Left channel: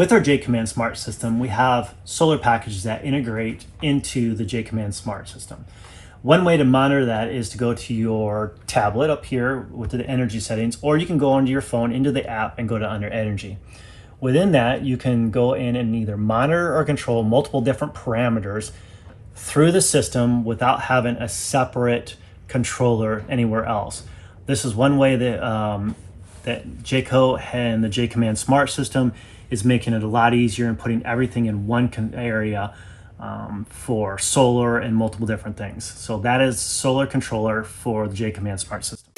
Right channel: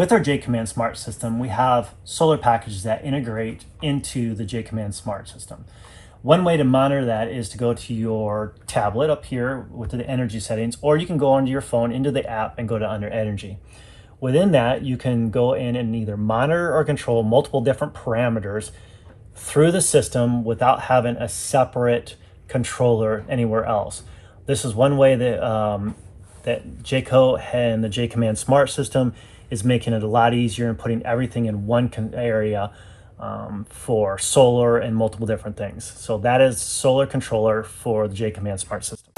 With our JAYCOMMAND smart system, we have solar packages that integrate into the JAYCOMMAND smart system. One way to monitor that is to go to your tablet up here with the energy settings, or you can go onto your phone into the app and go to under energy. Within that, you can go in and either monitor or control multiple different parameters through the system without having a separate controller anywhere else. This is one way that that Jayco and the JAYCOMMAND smart system is making it a lot easier and putting everything in one area for solar and multiple different things. So that is solar controller for the JAYCOMMAND smart system.